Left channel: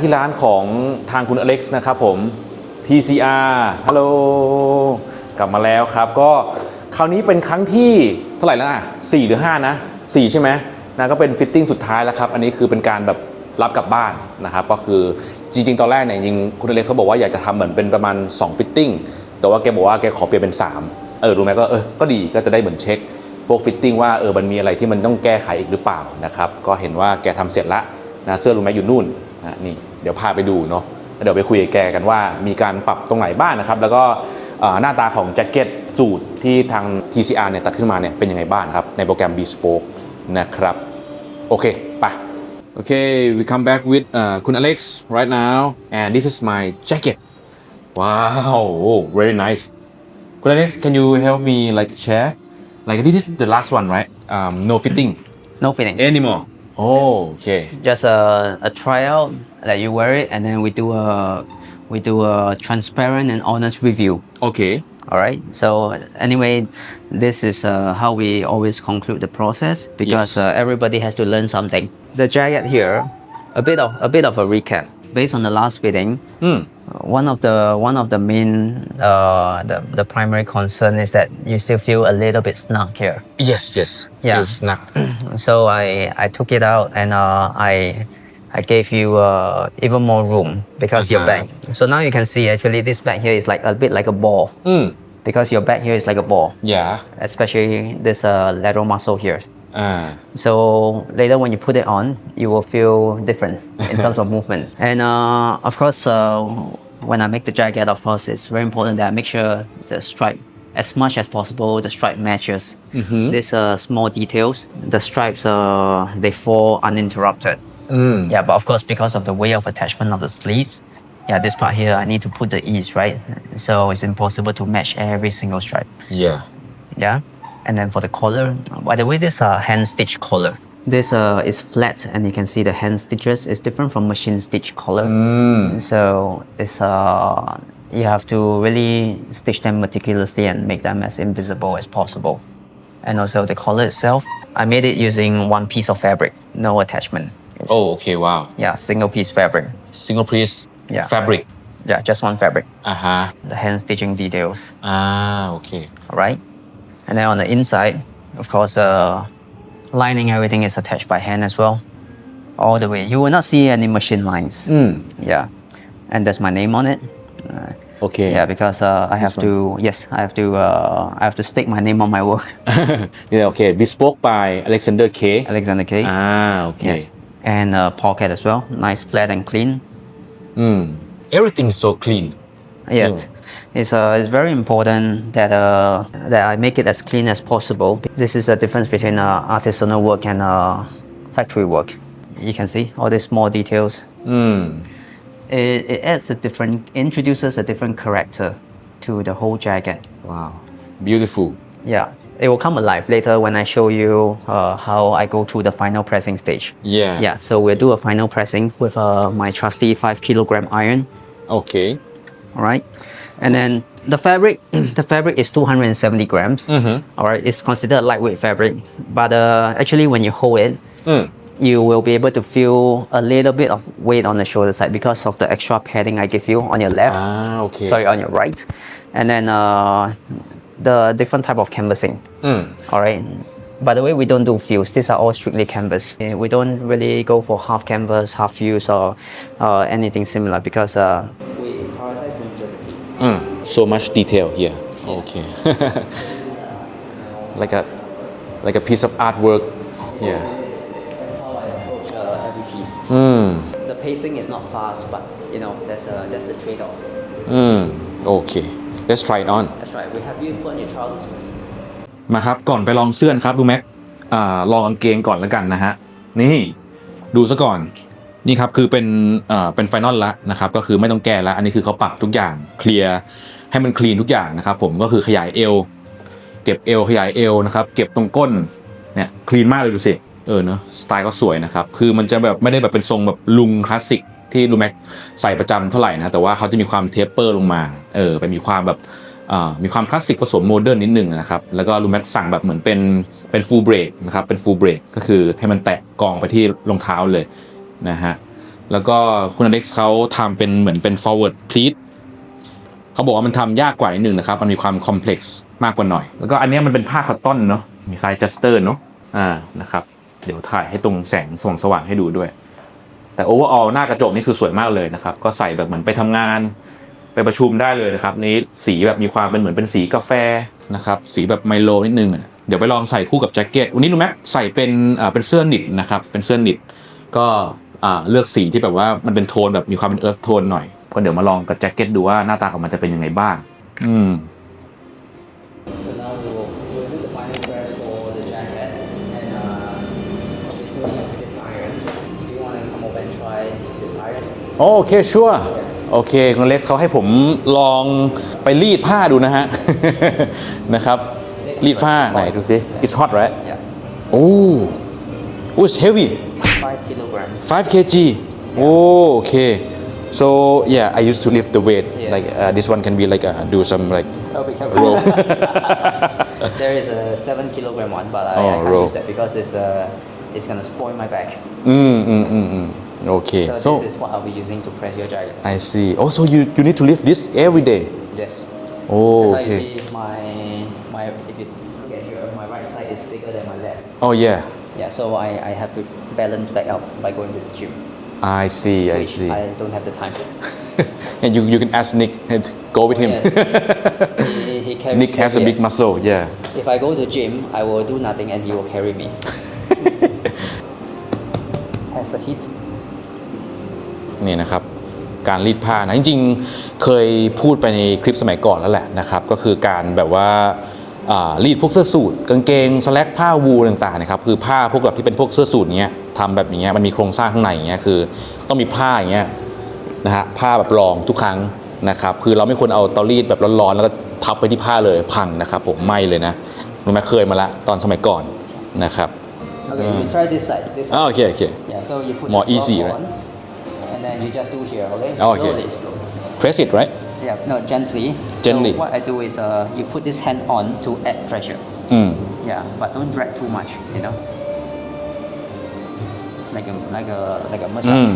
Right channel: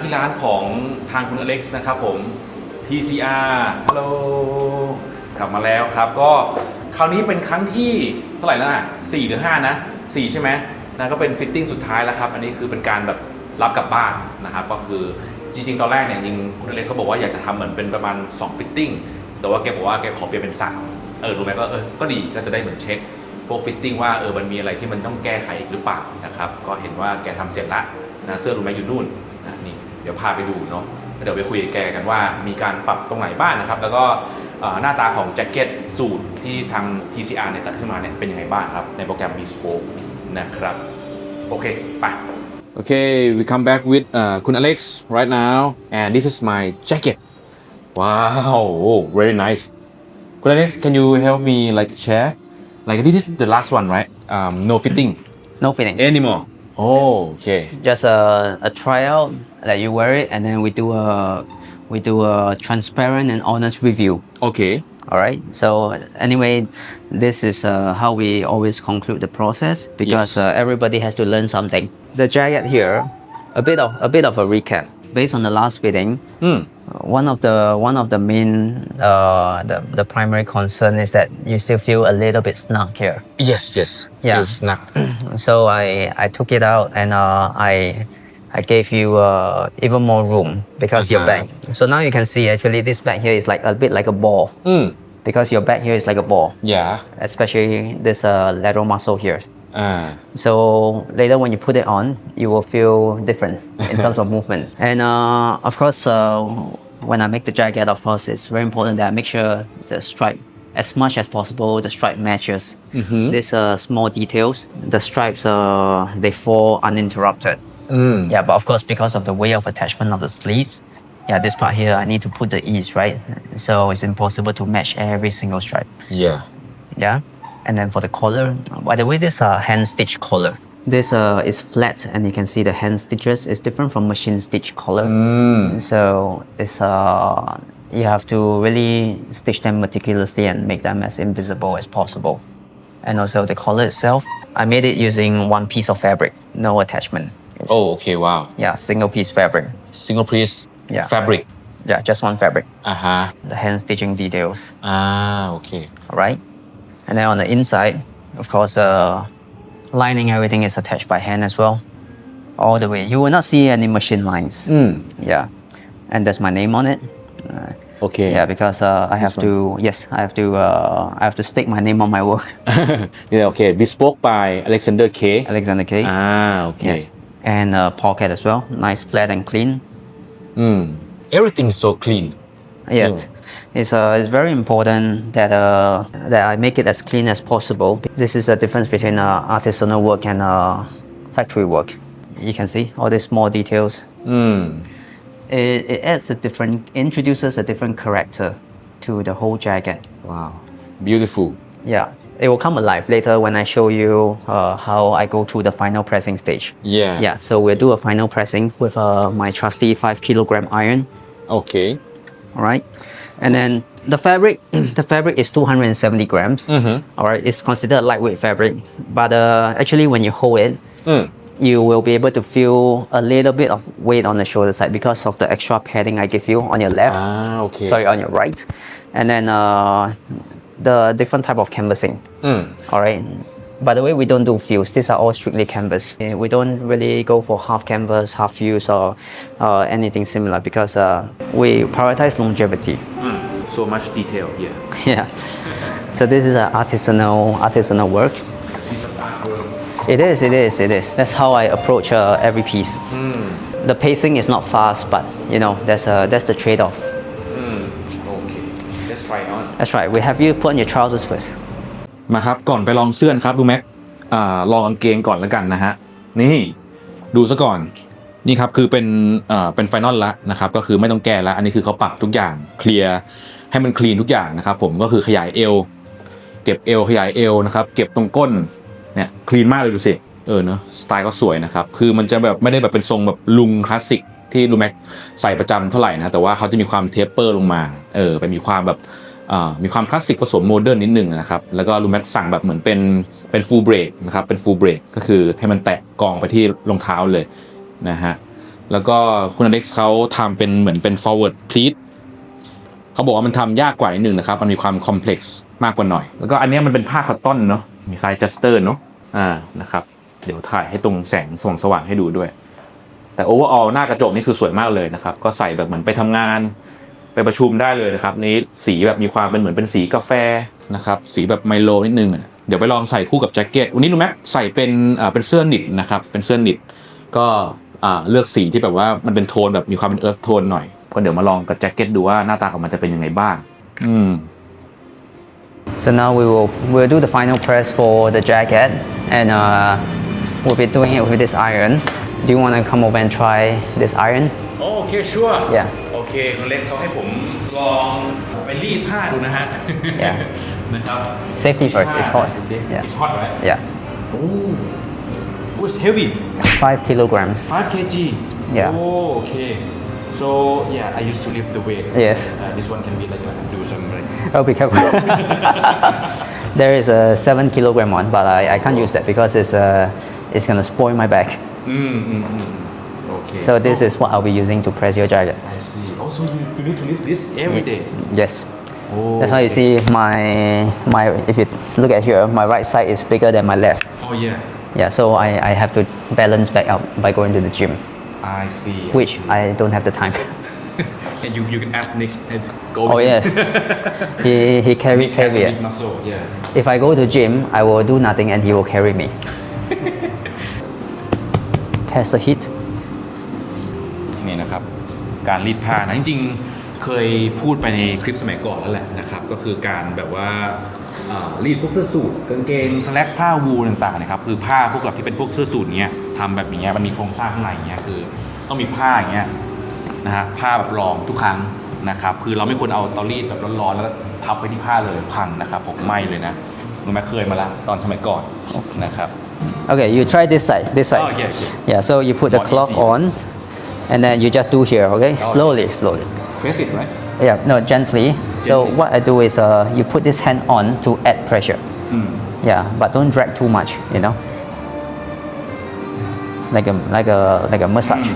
ที่ร้านของทางคุณอเล็กซ์นะครับผม TCR ฮัลโหลกลับมาแล้วครับก็คราวนี้เป็นครั้งที่เท่าไหร่แล้ว4หรือ5นะ4ใช่ไหมนะก็เป็นฟิตติ้งสุดท้ายแล้วครับอันนี้คือเป็นการแบบรับกลับบ้านนะครับก็คือจริงๆตอนแรกเนี่ยจริงคุณอเล็กซ์เขาบอกว่าอยากจะทำเหมือนเป็นประมาณ2ฟิตติ้งแต่ว่าแกบอกว่าแกขอเปลี่ยนเป็น3รู้ไหมก็ก็ดีก็จะได้เหมือนเช็คพวกฟิตติ้งว่ามันมีอะไรที่มันต้องแก้ไขอีกหรือเปล่านะครับก็เห็นว่าแกทำเสร็จละนะเสื้อรู้ไหมอยู่นู่นนี่เดี๋ยวพาไปดูเนาะเดี๋ยวไปคุยกับแกกันว่ามีการปรับตรงไหนบ้างนะครับแล้วก็หน้าตาของแจ็คเก็ตสูทที่ทาง TCR เนี่ยตัดขึ้นมาเนี่ยเป็นยังไงบ้างครับในโปรแกรม Bespoke นะครับโอเคไป Okay we come back with คุณ Alex right now and this is my jacket wow oh, very nice คุณ Alex can you help me like share like this is the last one right no fitting No fitting anymore oh okay just a trial that you wear it and then we do a transparent and honest review. okay All right. So anyway, this is how we always conclude the process because Yes. Everybody has to learn something. The jacket here, a bit of a recap based on the last fitting. One of the main the primary concern is that you still feel a little bit snug here. yes Yeah. feel snug So I took it out and I gave you even more room because your back. So now you can see actually this back here is like a bit like a ball because your back here is like a ball, yeah especially this lateral muscle here. So later when you put it on, you will feel different in terms of movement. And of course, when I make the jacket, of course, it's very important that I make sure the stripe, as much as possible, the stripe matches. These small details, the stripes they fall uninterrupted. Yeah, but of course, because of the way of attachment of the sleeves, yeah, this part here I need to put the ease, right? So it's impossible to match every single stripe. yeah Yeah, and then for the collar, by the way, this hand stitch collar. This is flat, and you can see the hand stitches is different from machine stitch collar. So it's you have to really stitch them meticulously and make them as invisible as possible. And also the collar itself, I made it using one piece of fabric, no attachment. oh okay wow Yeah, single piece fabric. single piece Yeah. fabric Yeah, just one fabric. uh-huh The hand stitching details. okay All right. And then on the inside, of course, lining everything is attached by hand as well, all the way. You will not see any machine lines. Yeah, and there's my name on it. okay Yeah, because I have to. Yes, I have to stick my name on my work. yeah okay bespoke by Alexander K Alexander K. okay Yes, and pocket as well. Nice, flat and clean. everything is so clean Yeah, it's very important that I make it as clean as possible. This is the difference between artisanal work and factory work. You can see all these small details. It adds introduces a different character to the whole jacket. wow beautiful Yeah, it will come alive later when I show you how I go through the final pressing stage. yeah Yeah, so we'll do a final pressing with my trusty 5 kilogram iron. okay All right, and then the fabric is 270 grams. All right, it's considered lightweight fabric, but actually when you hold it, you will be able to feel a little bit of weight on the shoulder side because of the extra padding I give you on your left. okay Sorry, on your right, and then the different type of canvassing. All right. By the way, we don't do fuse. These are all strictly canvas. We don't really go for half canvas, half fuse, or anything similar because we prioritize longevity. so much detail here Yeah. So this is an artisanal work. like a piece of artwork It is. That's how I approach every piece. The pacing is not fast, but you know that's the trade-off. okay let's try it on That's right. We have you put on your trousers first. มาครับก่อนไปลองเสื้อครับดูแม็กลองกางเกงก่อนแล้วกันนะฮะนี่ดูซะก่อนนี่ครับคือเป็นไฟนอลละนะครับก็คือไม่ต้องแก้แล้วอันนี้คือเขาปรับทุกอย่างเคลียร์ให้มันคลีนทุกอย่างนะครับผมก็คือขยายเอวเก็บเอวขยายเอวนะครับเก็บตรงก้นเนี่ยคลีนมากเลยดูสิเนอะสไตล์ก็สวยนะครับคือมันจะแบบไม่ได้แบบเป็นทรงแบบลุงคลาสสิกที่ลูแม็กใส่ประจำเท่าไหร่นะแต่ว่าเขาจะมีความเทปเปอร์ลงมาไปมีความแบบมีความคลาสสิกผสมโมเดิร์นนิดนึงนะครับแล้วก็ลูแม็กสั่งแบบเหมือนเป็นฟูลเบรกนะครับเป็นฟูลเบรกก็คือให้มันแตะกองไปที่รองเท้าเลยนะฮะ แล้วก็คุณอเล็กซ์เขาทำเป็นเหมือนเป็น forward pleat เขาบอกว่ามันทำยากกว่านิดนึงนะครับมันมีความ complex มากกว่าหน่อยแล้วก็อันนี้มันเป็นผ้าคอตตอนเนาะมีไซส์จัสเตอร์เนาะนะครับเดี๋ยวถ่ายให้ตรงแสงสว่างให้ดูด้วยแต่ overall หน้ากระจกนี่คือสวยมากเลยนะครับก็ใส่แบบเหมือนไปทำงานไปประชุมได้เลยนะครับนี้สีแบบมีความเป็นเหมือนเป็นสีกาแฟนะครับสีแบบไมโลนิดนึงเดี๋ยวไปลองใส่คู่กับแจ็คเก็ตวันนี้รู้ไหมใส่เป็นเสื้อนิตนะครับเป็นเสื้อนิตก็เลือกสีที่แบบว่ามันเป็นโทนแบบมีความเป็นเอิร์ธโทนหน่อยก็เดี๋ยวมาลองกับแจ็คเก็ตดูว่าหน้าตาออกมาจะเป็นยังไงบ้างSo now we'll do the final press for the jacket, and we'll be doing it with this iron. Do you want to come over and try this iron? โอเคชัวร์ Yeah. โอเคคุณเล็กเขาให้ผมลองไปรีดผ้าดูนะฮะ นะครับ Safety รีด first, ผ้า it's หน่อย hot. ดูสิ Yeah. It's hot right Yeah. Oh it's heavy 5 kilograms. 5 kg Yeah. Oh okay so yeah I used to lift the weight Yes. like this one can be like do some like Oh, be careful. There is a 7 kilogram one, but I can't roll. use that because it's gonna spoil my back. okay So this is what I'll be using to press your jacket. I see oh so you need to lift this every day Yes. oh That's why you okay. see my if you look at here, my right side is bigger than my left. oh yeah Yeah, so I have to balance back up by going to the gym, I see which see. I don't have the time. And you can ask Nick and go Oh with him. yes, he carries Nick has a heavier. big muscle yeah If I go to gym, I will do nothing and he will carry me. Test the heat. นี่นะครับการรีดผ้านะจริงๆเคยพูดไปในคลิปสมัยก่อนแล้วแหละนะครับก็คือการแบบว่ารีดพวกเสื้อสูทกางเกงสแลกผ้าวูลต่างๆนะครับคือผ้าพวกแบบที่เป็นพวกเสื้อสูทเงี้ยทำแบบอย่างเงี้ยมันมีโครงสร้างข้างในอย่างเงี้ยคือต้องมีผ้าอย่างเงี้ยนะฮะผ้าแบบรองทุกครั้งนะครับคือเราไม่ควรเอาเตารีดแบบร้อนๆแล้วก็ทับไปที่ผ้าเลยพังนะครับผมไหม้เลยนะรู้ไหมเคยมาละตอนสมัยก่อนนะครับ Okay, you try this side. This side. Oh, okay. Yeah, so you put the More cloth easier. on, and then you just do here. Okay, Oh, slowly, okay. slowly. press it right Yeah, no, gently. Gently. So what I do is you put this hand on to add pressure. Yeah, but don't drag too much. You know, like a massage.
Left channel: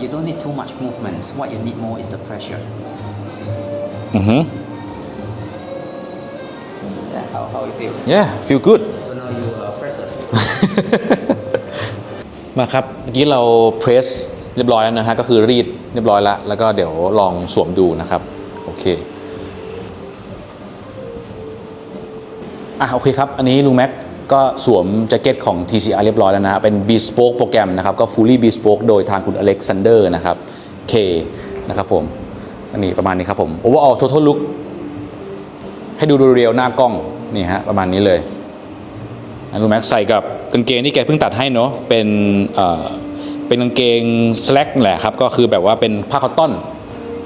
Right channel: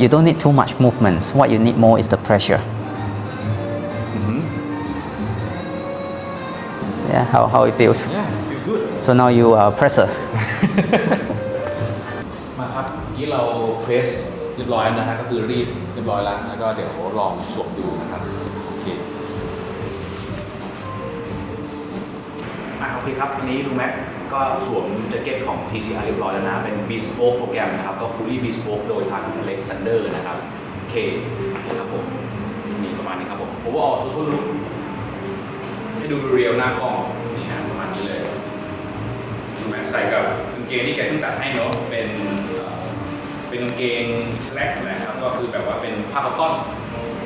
You don't need too much movements. What you need more is the pressure. Yeah, how it feels. yeah feel good So now you are a presser. มาครับเมื่อกี้เราเพรสเรียบร้อยแล้วนะฮะก็คือรีดเรียบร้อยแล้วแล้วก็เดี๋ยวลองสวมดูนะครับโอเคโอเคครับอันนี้ลุงแม็กก็สวมแจ็คเก็ตของ TCR เรียบร้อยแล้วนะเป็น Bespoke โปรแกรมนะครับก็ Fully Bespoke โดยทางคุณอเล็กซานเดอร์นะครับ K นะครับผมอันนี้ประมาณนี้ครับผม Overall Total Look ให้ดูเรียวหน้ากล้องนี่ฮะประมาณนี้เลยลุงแม็กใส่กับกางเกงที่แกเพิ่งตัดให้เนาะเป็นกางเกงสแลกแหละครับก็คือแบบว่าเป็นผ้าคอตตอน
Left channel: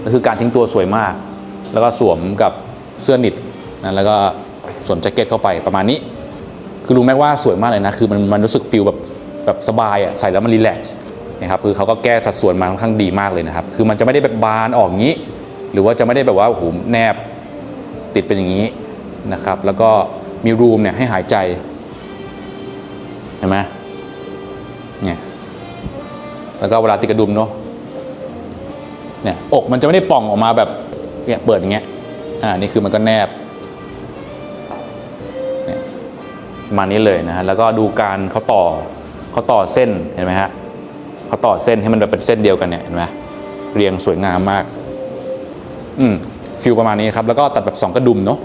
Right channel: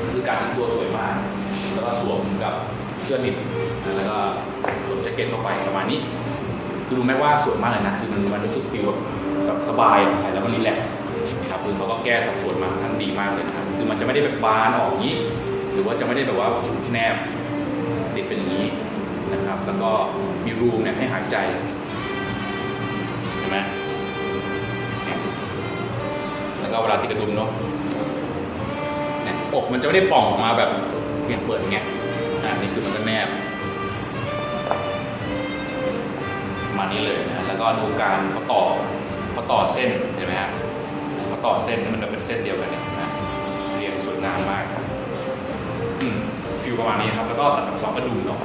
ก็คือการทิ้งตัวสวยมากแล้วก็สวมกับเสื้อนิตนะแล้วก็สวมแจ็คเก็ตเข้าไปประมาณนี้คือรู้ไหมว่าสวยมากเลยนะคือมันรู้สึกฟีลแบบสบายใส่แล้วมันรีแลกซ์นะครับคือเขาก็แก้สัดส่วนมาค่อนข้างดีมากเลยนะครับคือมันจะไม่ได้แบบบานออกงี้หรือว่าจะไม่ได้แบบว่าโอ้โหแนบติดเป็นอย่างนี้นะครับแล้วก็มีรูมเนี่ยให้หายใจเห็นไหมเนี่ยแล้วก็เวลาติดกระดุมเนาะเนี่ยอกมันจะไม่ได้ป่องออกมาแบบเนี่ยเปิดอย่างเงี้ยนี่คือมันก็แนบเนี่ยมานี้เลยนะฮะแล้วก็ดูการเขาต่อเส้นเห็นไหมฮะเขาต่อเส้นให้มันแบบเป็นเส้นเดียวกันเนี่ยเห็นไหมเรียงสวยงามมากฟิลประมาณนี้ครับแล้วก็ตัดแบบ2กระดุมเนาะ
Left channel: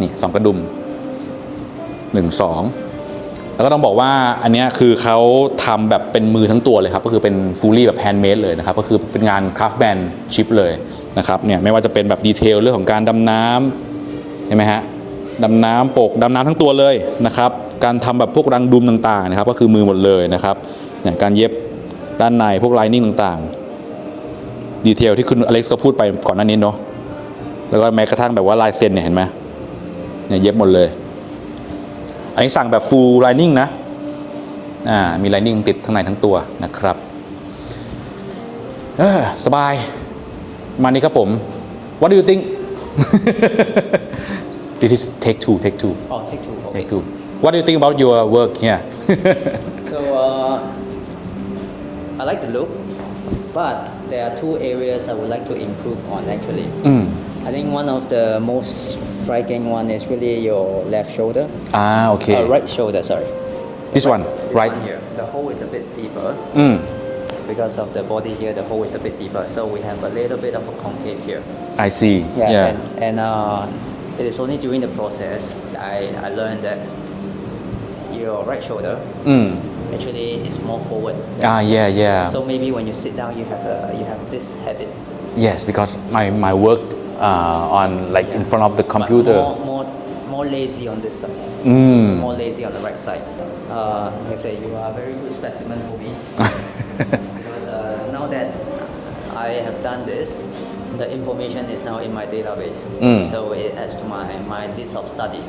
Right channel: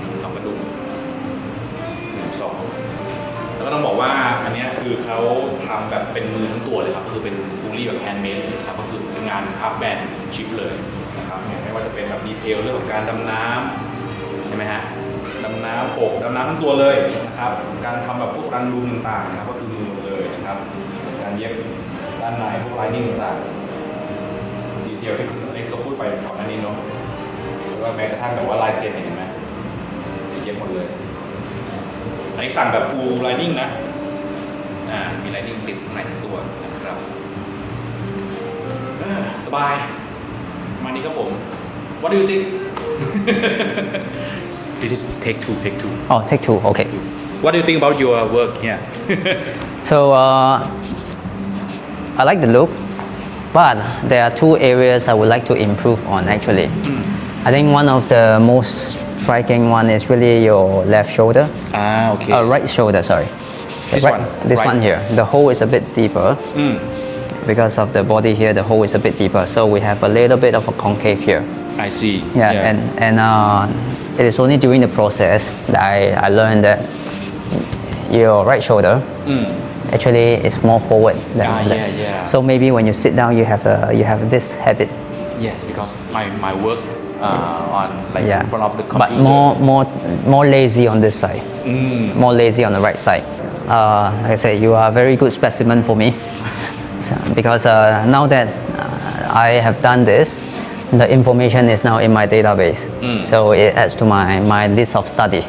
นี่2กระดุม1 2แล้วก็ต้องบอกว่าอันนี้คือเขาทำแบบเป็นมือทั้งตัวเลยครับก็คือเป็น fully แบบ handmade เลยนะครับก็คือเป็นงาน craftsmanship เลยนะครับเนี่ยไม่ว่าจะเป็นแบบดีเทลเรื่องของการดำน้ำเห็นไหมฮะดำน้ำปกดำน้ำทั้งตัวเลยนะครับการทำแบบพวกรังดุมต่างๆนะครับก็คือมือหมดเลยนะครับอย่างการเย็บด้านในพวกไลนิ่งต่างๆดีเทลที่คุณอเล็กซ์ก็พูดไปก่อนหน้านี้เนาะแล้วก็แม้กระทั่งแบบว่าลายเซ็นเนี่ยเห็นไหมเนี่ยเย็บหมดเลยอันนี้สั่งแบบ full lining นะมี lining ติดทั้งในทั้งตัวนะครับสบายมานี้ครับผม What do you think This is take two Oh, take two. Okay. What do you think about your work here So I like the look, but there are two areas I would like to improve on actually. I think one of the most striking one is really your left shoulder. Okay. Right shoulder, sorry. This Right- one, This right. one here. The hole is a bit deeper. Because of the body here, the hole is a bit deeper. So we have a little bit of a concave here. I see. Yeah. And it is only during the process that I learned that your right shoulder actually is more forward. Yeah. So maybe when you sit down, you have this habit. Yes, because my work on like Yeah. in front of the But computer. more lazy on this side. More lazy on the right side. Like I said, you are a very good specimen for me. Because now that I have done this, the information is now in my database. So it adds to my list of study.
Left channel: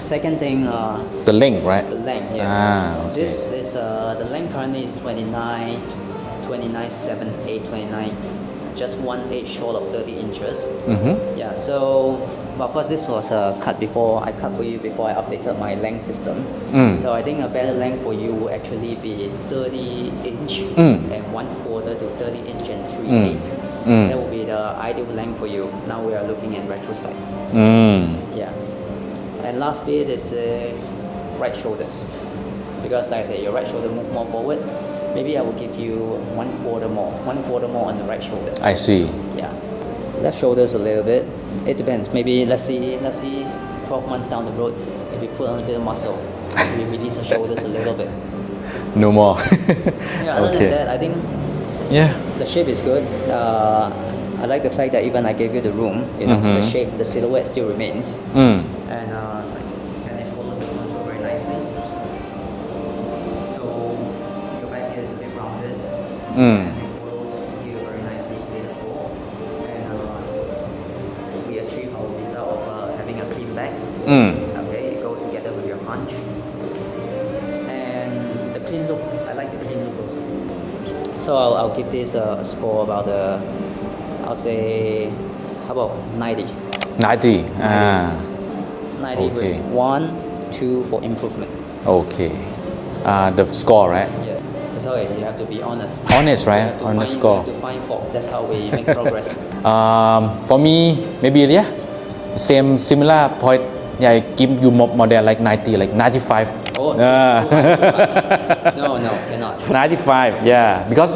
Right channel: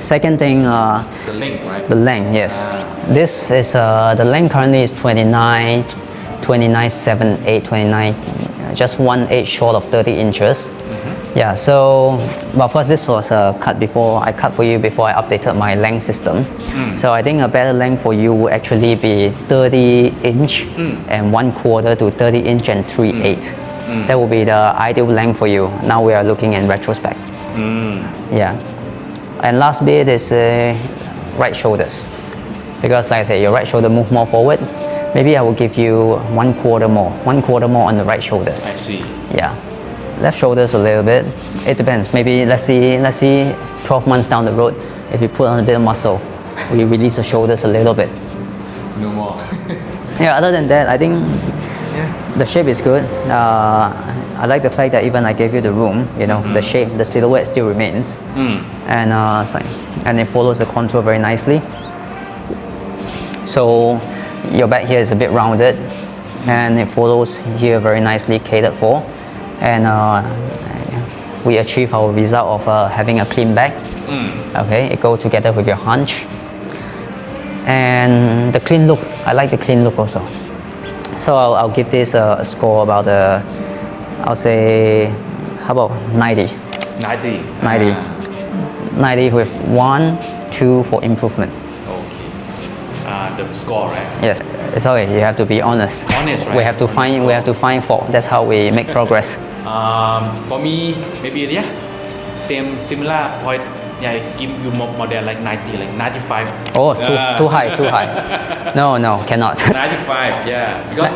Second thing, The length, right? the length, yes. This is, the length currently is 29.78, 29, just 1/8 short of 30 inches. Yeah, so, but of course this was cut before, I cut for you before I updated my length system. So I think a better length for you would actually be 30 inch and 1/4 to 30 inch and 3/8. That would be the ideal length for you. Now we are looking in retrospect. Yeah. And last bit is right shoulders. Because like I said, your right shoulder move more forward. Maybe I will give you 1/4 more. 1/4 more on the right shoulders. I see. Yeah. Left shoulders a little bit. It depends. Maybe let's see 12 months down the road, if you put on a bit of muscle, we release the shoulders a little bit. No more. Yeah, other than Okay. that, I think Yeah. the shape is good. I like the fact that even I gave you the room, the shape, the silhouette still remains. And it's like, and it follows the contour very nicely. So your back here is a bit rounded, and it follows here very nicely catered for. And we achieve our result of having a clean back. Okay, it goes together with your hunch. And the clean look, I like the clean look also. So I'll give this a score about, I'll say, how about 90? 90. 90 with 1, 2 for improvement. Okay. The score, right? Yes, it's okay. You have to be honest. Honest, right? We have to On the find. score. We have to find fault. That's how we make progress. For me, maybe similar point. Yeah, I give you more than like 90, like 95. Oh, too high, too high. No, cannot. 95, yeah. Because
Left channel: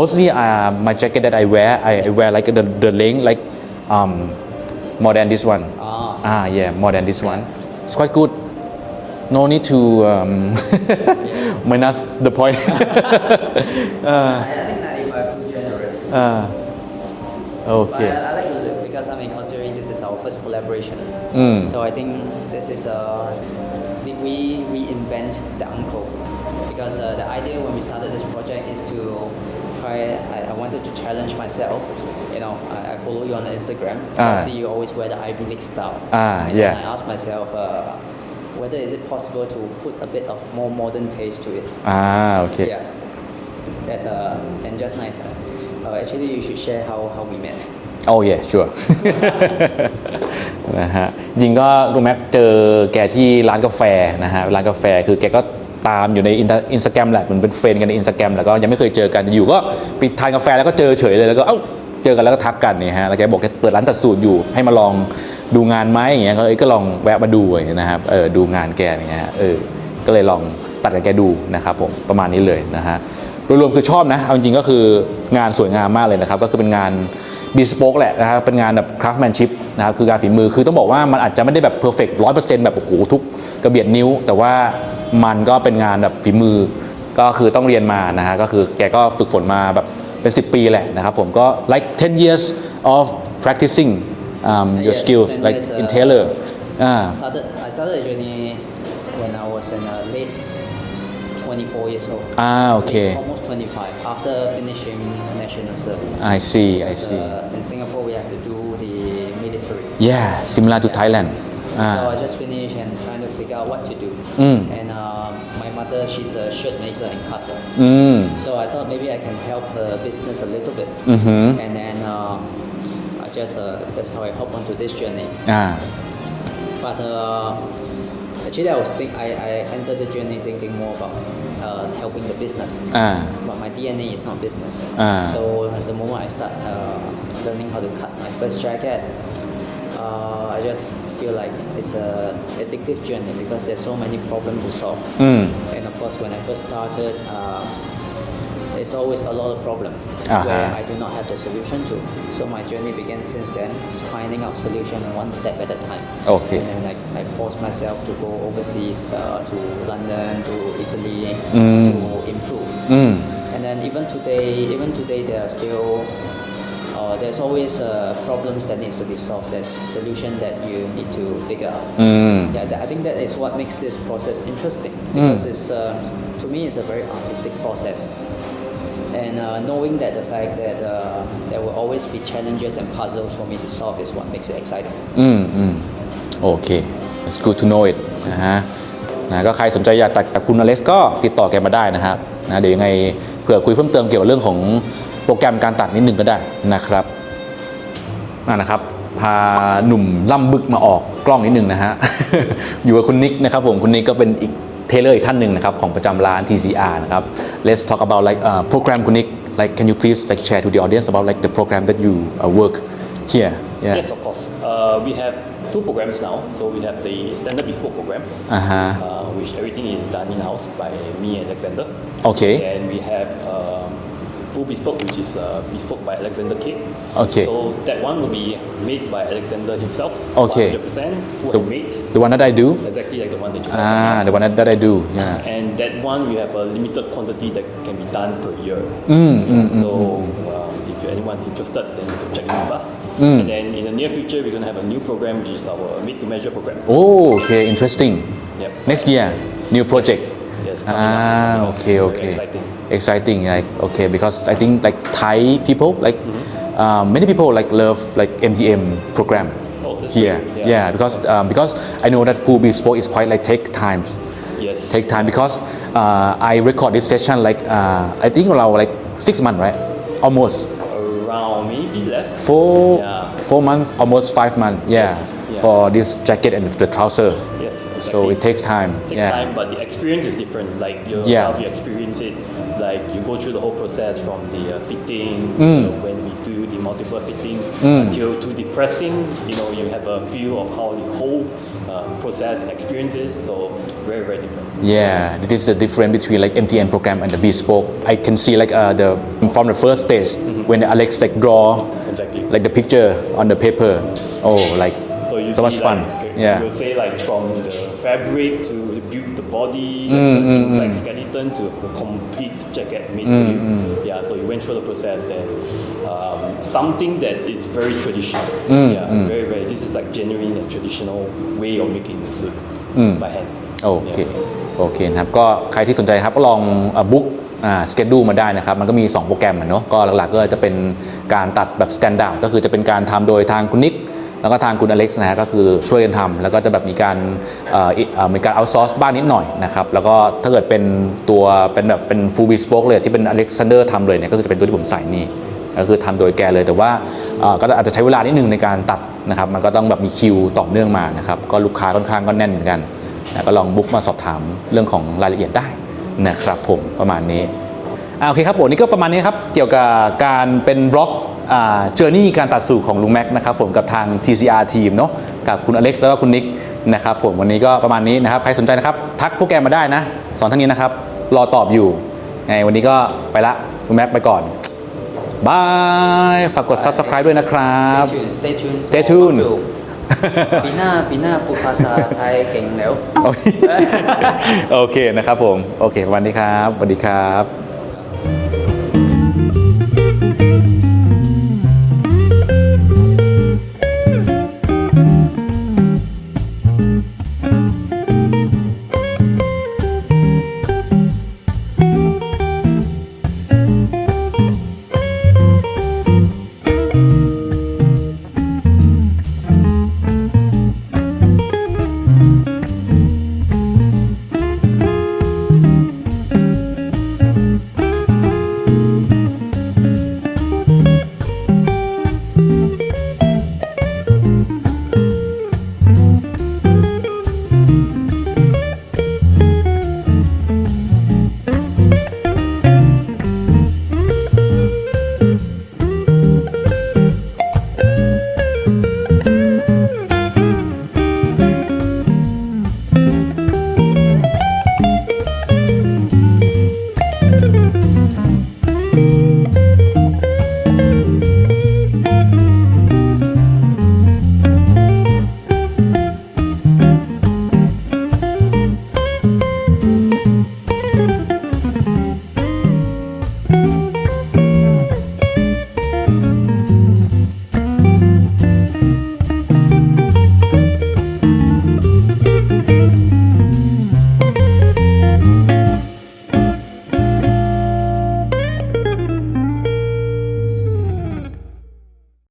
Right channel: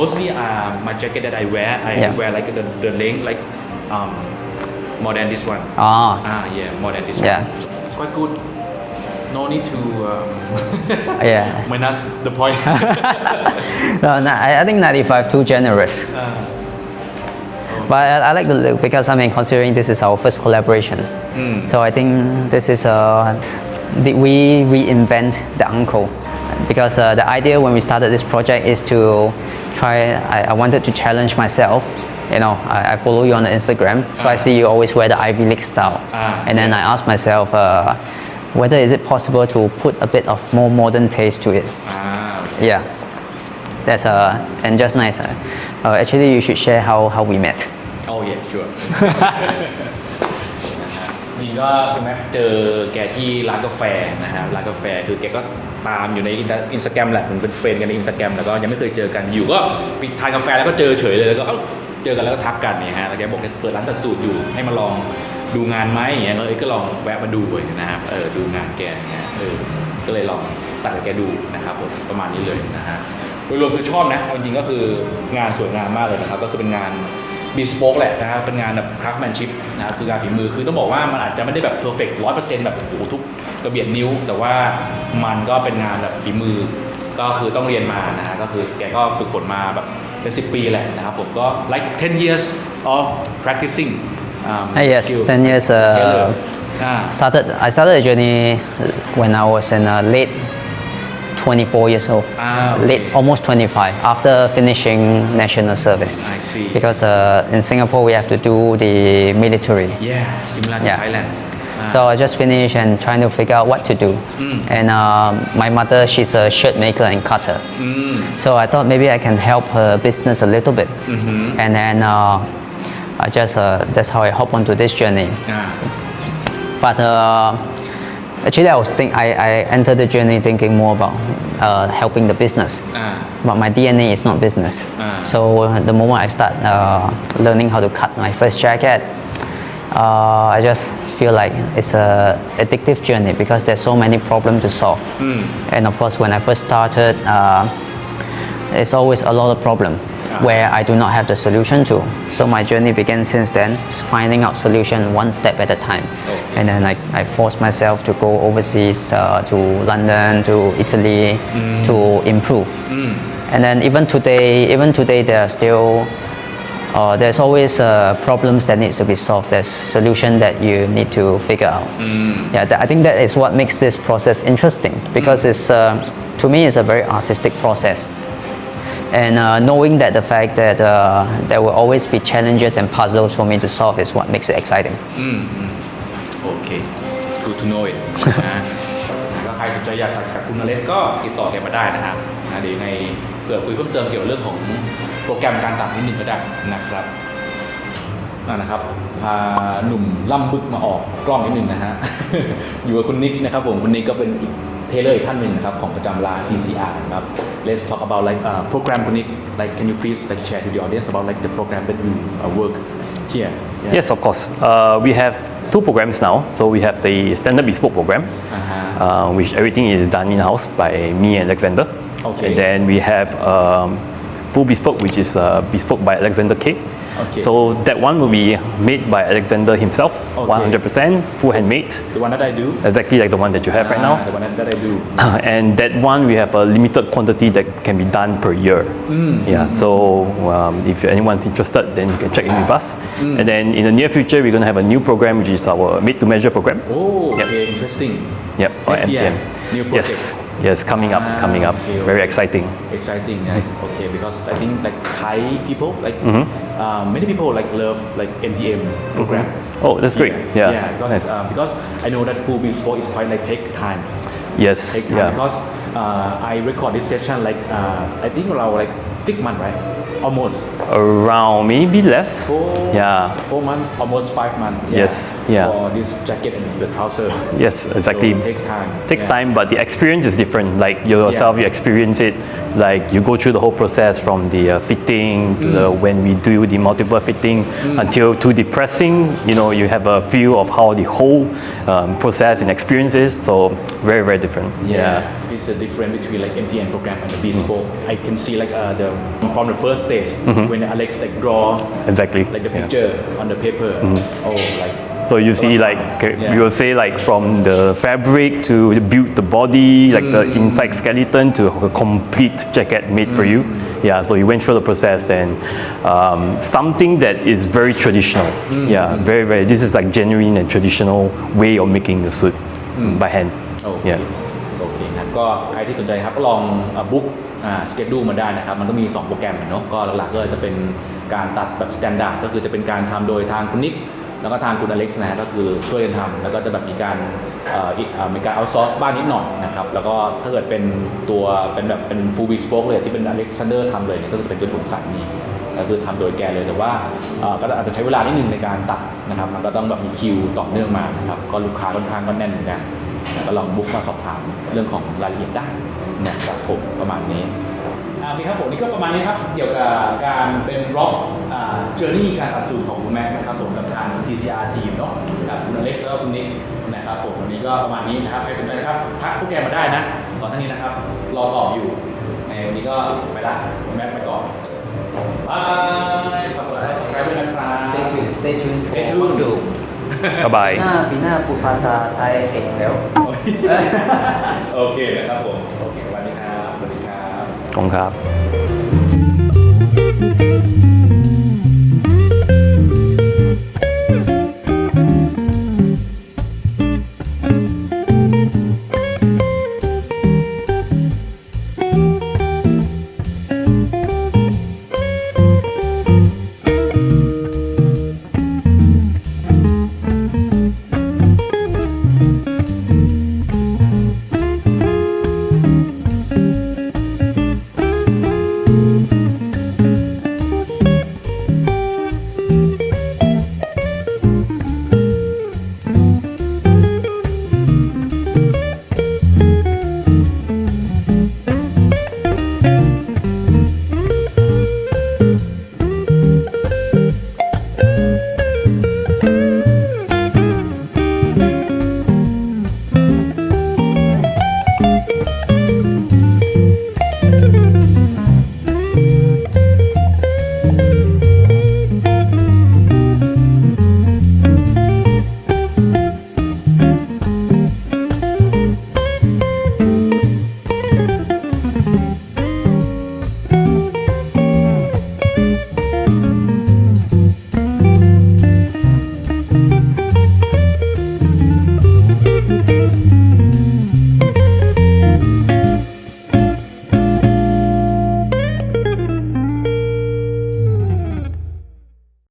mostly my jacket that I wear, I Yeah. wear like the length like more than this one. Yeah, more than this Yeah. one. It's quite good. No need to Yeah. minus the point. I think 95 too generous. Okay. But I like the look because considering this is our first collaboration. So I think this is did we reinvent the uncle? Because the idea when we started this project is to try. I wanted to challenge myself. I follow you on the Instagram, so I see you always wear the Ivy League style. And then I asked myself whether is it possible to put a bit of more modern taste to it. Okay. Yeah. That's and just nice. Actually, you should share how we met. Oh yeah, sure. นะฮะจริงก็คุณแม็กเจอแกที่ร้านกาแฟนะฮะร้านกาแฟคือแกก็ตามอยู่ในอินสตาแกรมแหละเหมือนเป็นเฟรนด์กันในอินสตาแกรมแล้วก็ยังไม่เคยเจอกันอยู่ก็ไปทานกาแฟแล้วก็เจอเฉยเลยแล้วก็เจอกันแล้วก็ทักกันเนี่ยฮะแล้วแกบอกแกเปิดร้านตัดสูตรอยู่ให้มาลองดูงานไหมอย่างเงี้ยก็ลองแวะมาดูนะครับดูงานแกอย่างเงี้ยก็เลยลองตัดกับแกดูนะครับผมประมาณนี้เลยนะฮะโดยรวมคือชอบนะเอาจริงๆก็คืองานสวยงามมากเลยนะครับก็คือเป็นงานบีสโป๊กแหละนะครับเป็นงานแบบ craftsmanship นะครับคือการฝีมือคือต้องบอกว่ามันอาจจะไม่ได้แบบ perfect 100% แบบโอ้โหทุกกระเบียดนิ้วแต่ว่ามันก็เป็นงานแบบฝีมือก็คือต้องเรียนมานะฮะก็คือแกก็ฝึกฝนมาแบบเป็น10 ปีแหละนะครับผมก็ like 10 years of practicing your Yes, skills 10 years, like in tailor I started the journey when I was in late 24 years old. Okay. Late, almost 25 after finishing national service. I see. Because in Singapore we have to do the military. Yeah, similar to Yeah. Thailand. So I just finished and trying to figure out what to do. And my mother, she's a shirt maker and cutter. So I thought maybe I can help her business a little bit. And then I just that's how I hop onto this journey. But Actually, I entered the journey thinking more about helping the business. But my DNA is not business. So the moment I start learning how to cut my first jacket, I just feel like it's a addictive journey because there's so many problems to solve. And of course, when I first started, there's always a lot of problem where I do not have the solution to. So my journey began since then, finding out solution one step at a time. Okay. And then I forced myself to go overseas, to London, to Italy, to improve. And then even today there are still there's always problems that needs to be solved. There's solution that you need to figure out. I think that is what makes this process interesting because it's to me it's a very artistic process. And knowing that the fact that there will always be challenges and puzzles for me to solve is what makes it exciting. โอเค it's good to know it นะก็ใครสนใจอยากตัดกับคุณอเล็กซ์ก็ติดต่อแกมาได้นะครับเดี๋ยวยังไงเผื่อคุยเพิ่มเติมเกี่ยวกับเรื่องของโปรแกรมการตัดนิดนึงก็ได้นะครับนะครับพาหนุ่มล่ำบึกมาออกกล้องนิดนึงนะฮะ อยู่กับคุณนิกนะครับผมคุณนิกก็เป็นอีกเทเลอร์อีกท่านหนึ่งนะครับของประจำร้าน TCR นะครับ Let's talk about like program คุณนิก like can you please like share to the audience about like the program that you work here Yes, of course. We have two programs now. So we have the standard bespoke program, which everything is done in-house by me and Alexander. Okay. And then we have full bespoke, which is bespoke by Alexander Cake. Okay. So that one will be made by Alexander himself, Okay. 100% full handmade. The one that I do Exactly like the one that you have right now. the one that I do And that one we have a limited quantity that can be done per year. So if anyone's interested, then you can check in with us. And then in the near future, we're going to have a new program, which is our made to measure program. Oh, okay, interesting. Yep. Next year, MTM. new project. Yes, coming up. Okay, Very okay. exciting. Exciting, like okay, because I think like Thai people like many people like love like MTM program. Oh, that's great. Yeah, because I know that full bespoke is quite like take time. Yes. Take time yeah. because I record this session like I think around like 6 months, right? Almost. Around maybe less. 4 months, almost 5 months. Yeah. Yes, yeah. For this jacket and the trousers. Yes, exactly. So it takes time. Takes Yeah. time, but the experience is different. Like yourself, Yeah. you experience it. Like you go through the whole process from the fitting to when we do the multiple fitting until to the pressing. You know, you have a feel of how the whole process and experience is. So very, very different. Yeah, it is the difference between like MTM program and the bespoke. I can see like the from the first stage when Alex like draw Exactly. like the picture on the paper. Oh, like So you that see was like fun. Yeah. you will say like from the fabric to build the body, like the inside skeleton to a complete jacket made for you. Yeah, so you went through the process and something that is very traditional. Yeah, very very. This is like genuine and traditional way of making the suit by hand. โอเค โอเคนะครับก็ใครที่สนใจครับก็ลองบุ๊กสเกจดูมาได้นะครับมันก็มี 2 โปรแกรมเนาะก็หลักๆก็จะเป็นการตัดแบบสแตนดาร์ดก็คือจะเป็นการทำโดยทางคุณนิกแล้วก็ทางคุณอเล็กซ์นะฮะก็คือช่วยกันทำแล้วก็จะแบบมีการเอาซอร์สบ้างนิดหน่อยนะครับแล้วก็ถ้าเกิดเป็นตัวเป็นแบบเป็นฟูลบิสโป๊กเลยที่เป็นอเล็กซานเดอร์ทำเลยเนี่ยก็คือจะเป็นตัวที่ผมใส่นี่ก็คือทำโดยแกเลยแต่ว่าก็อาจจะใช้เวลานิดนึงในการตัดนะครับมันก็ต้องแบบมีคิวต่อเนื่องมานะครับก็ลูกค้าค่อนข้างก็แน่นเหมือนกันก็ลองบุ๊กมาสอบถามเรื่องของรายละเอียดได้นะครับผมประมาณนี้โอเคครับผมนี่ก็ประมาณนี้ครับเกี่ยวกับการเป็นบล็อกเจอร์นี่การตัดสูตรของลุงแม็กนะครับผมกับทาง TCR ทีมเนาะกับคุณอเล็กซ์แล้วก็คุณนิกนะครับผมวันนี้ก็ประมาณนี้นะครับใครสนใจนะครับทักพวกแกมาได้นะสอนท่านนี้นะครับรอตอบอยู่ไงวันนี้ก็ไปละคุณแม็กไปก่อนบายฝากกด Subscribe ด้วยนะครับ Stay tuned Bye bye. ปีหน้าพูดภาษาไทยเก่งแล้ว โอเคนะครับผมโอเควันนี้ครับสวัสดีครับ Kong Kap.